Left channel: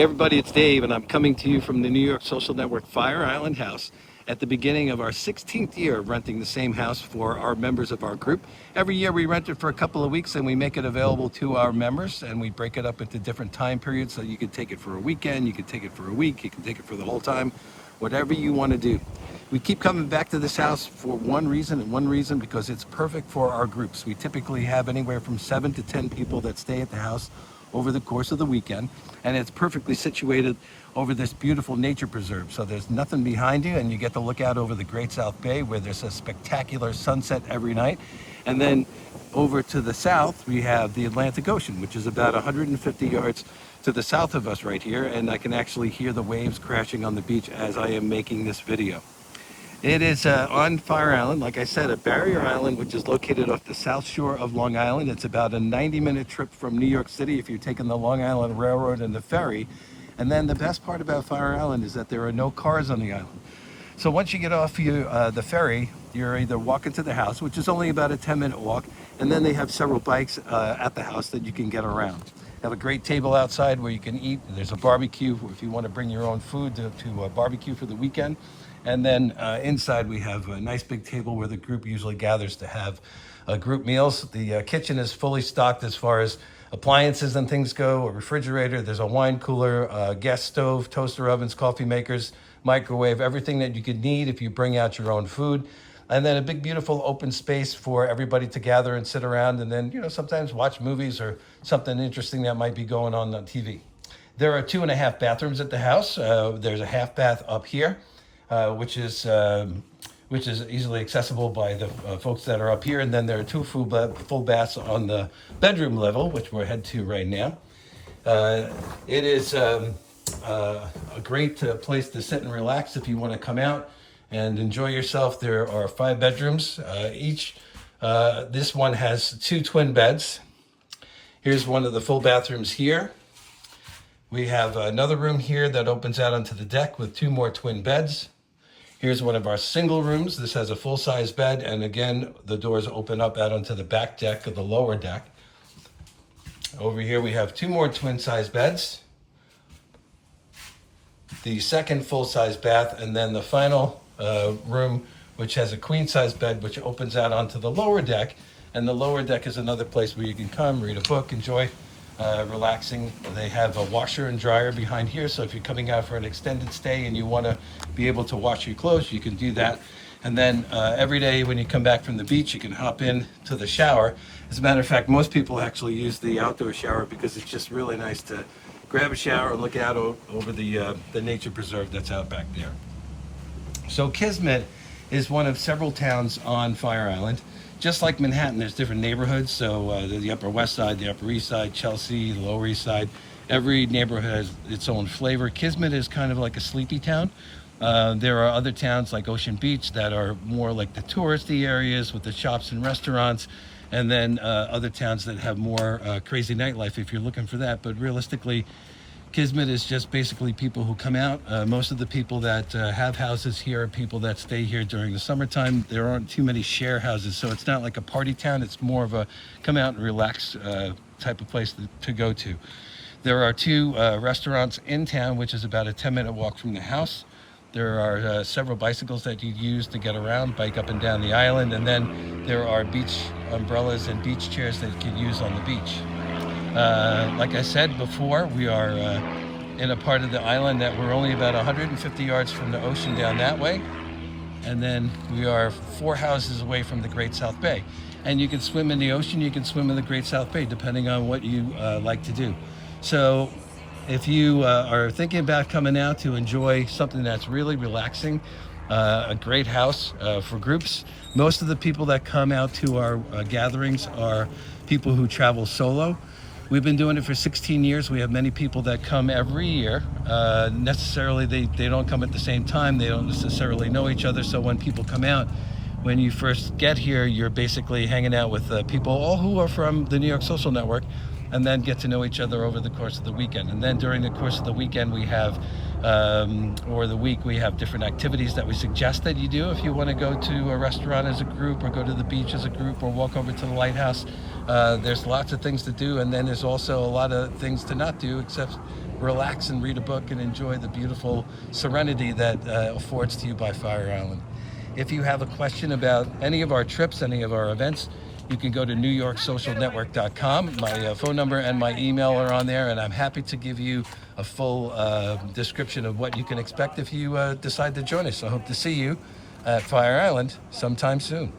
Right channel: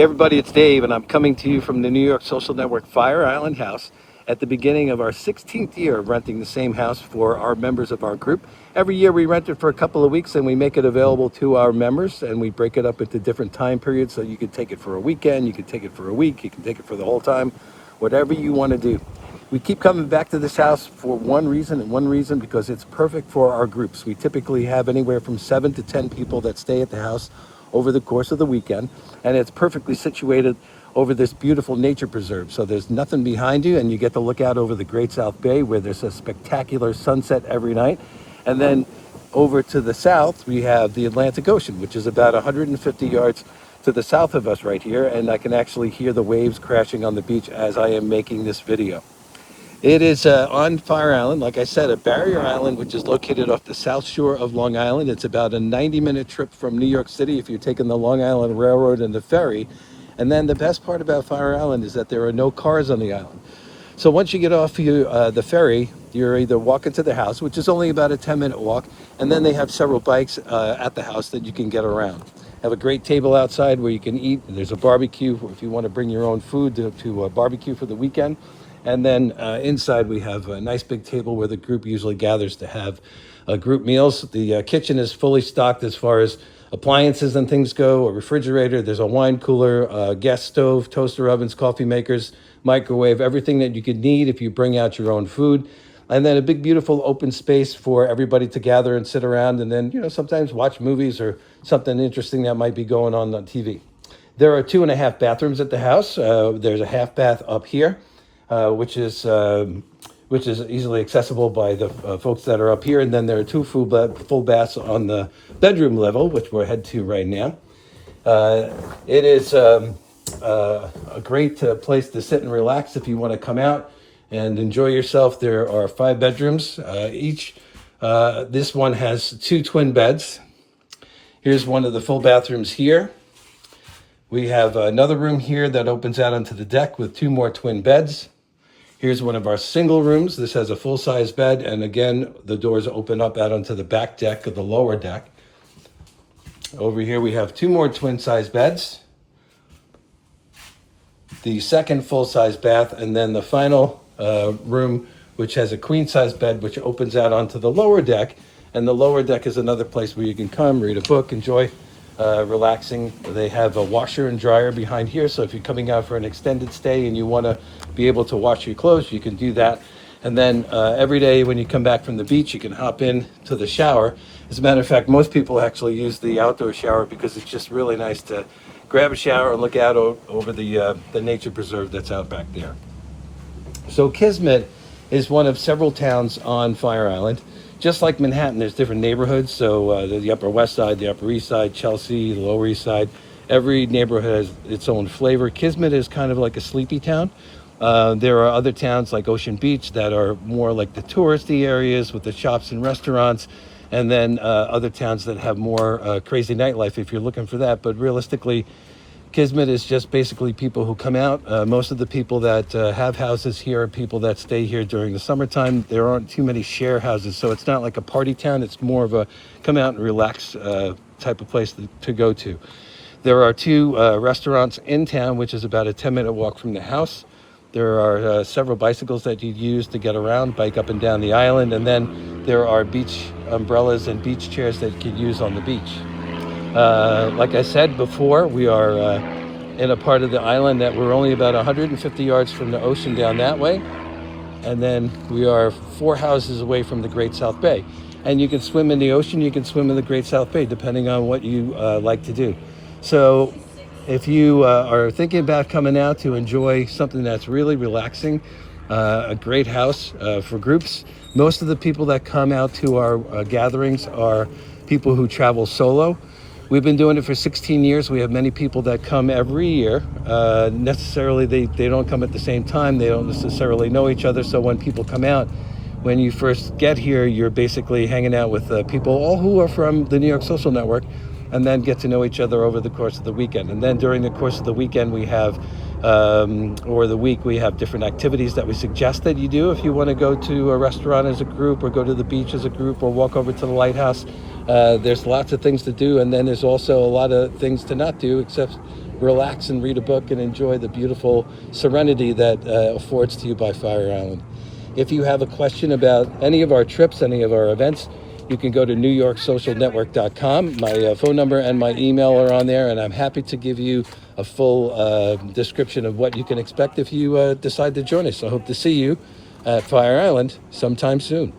Hey everybody, it's Dave, and I'm coming to you from the New York Social Network Fire Island House at the beginning of our 16th year of renting the same house for our members of our group. Every year we rent it for a couple of weeks and we make it available to our members, and we break it up into different time periods so you can take it for a weekend, you can take it for a week, you can take it for the whole time, whatever you want to do. We keep coming back to this house for one reason, and one reason because it's perfect for our groups. We typically have anywhere from 7 to 10 people that stay at the house over the course of the weekend, and it's perfectly situated over this beautiful nature preserve. So there's nothing behind you, and you get to look out over the Great South Bay, where there's a spectacular sunset every night. And then over to the south, we have the Atlantic Ocean, which is about 150 yards to the south of us right here, and I can actually hear the waves crashing on the beach as I am making this video. It is on Fire Island, like I said, a barrier island, which is located off the south shore of Long Island. It's about a 90-minute trip from New York City if you're taking the Long Island Railroad and the ferry. And then the best part about Fire Island is that there are no cars on the island. So once you get off the ferry, you're either walking to the house, which is only about a 10-minute walk, and then they have several bikes at the house that you can get around. Have a great table outside where you can eat. There's a barbecue if you want to bring your own food to barbecue for the weekend. And then inside we have a nice big table where the group usually gathers to have group meals. The kitchen is fully stocked as far as appliances and things go, a refrigerator, there's a wine cooler, a gas stove, toaster ovens, coffee makers, microwave, everything that you could need if you bring out your own food. And then a big, beautiful open space for everybody to gather and sit around and then, sometimes watch movies or something interesting that might be going on TV. There are 2.5 bathrooms at the house. There's a half bath up here. Which is easily accessible by the folks that are up here. And then there are 2 full baths on the bedroom level, which we'll head to right now. It is a great place to sit and relax if you want to come out and enjoy yourself. There are 5 bedrooms each. This one has 2 twin beds. Here's one of the full bathrooms here. We have another room here that opens out onto the deck with 2 more twin beds. Here's one of our single rooms. This has a full-size bed, and again, the doors open up out onto the back deck of the lower deck. Over here, we have 2 more twin-size beds, the second full-size bath, and then the final room, which has a queen-size bed, which opens out onto the lower deck. And the lower deck is another place where you can come, read a book, enjoy relaxing. They have a washer and dryer behind here, so if you're coming out for an extended stay and you want to be able to wash your clothes, you can do that. And then every day when you come back from the beach, you can hop in to the shower. As a matter of fact, most people actually use the outdoor shower because it's just really nice to grab a shower and look out over the nature preserve that's out back there. So Kismet is one of several towns on Fire Island. Just like Manhattan, there's different neighborhoods. So the Upper West Side, the Upper East Side, Chelsea, the Lower East Side. Every neighborhood has its own flavor. Kismet is kind of like a sleepy town. There are other towns like Ocean Beach that are more like the touristy areas with the shops and restaurants. And then other towns that have more crazy nightlife if you're looking for that. But realistically, Kismet is just basically people who come out. Most of the people that have houses here are people that stay here during the summertime. There aren't too many share houses, so it's not like a party town. It's more of a come out and relax type of place to go to. There are 2 restaurants in town, which is about a 10-minute walk from the house. There are several bicycles that you use to get around, bike up and down the island, and then there are beach umbrellas and beach chairs that you can use on the beach. Like I said before, we are in a part of the island that we're only about 150 yards from the ocean down that way. And then we are 4 houses away from the Great South Bay. And you can swim in the ocean, you can swim in the Great South Bay, depending on what you like to do. So if you are thinking about coming out to enjoy something that's really relaxing, a great house for groups. Most of the people that come out to our gatherings are people who travel solo. We've been doing it for 16 years. We have many people that come every year. Necessarily, they don't come at the same time. They don't necessarily know each other. So when people come out, when you first get here, you're basically hanging out with people, all who are from the New York Social Network, and then get to know each other over the course of the weekend. And then during the course of the weekend, we have, or the week, we have different activities that we suggest that you do if you want to go to a restaurant as a group, or go to the beach as a group, or walk over to the lighthouse. There's lots of things to do, and then there's also a lot of things to not do, except relax and read a book and enjoy the beautiful serenity that affords to you by Fire Island. If you have a question about any of our trips, any of our events, you can go to NewYorkSocialNetwork.com. My phone number and my email are on there, and I'm happy to give you a full description of what you can expect if you decide to join us. I hope to see you at Fire Island sometime soon.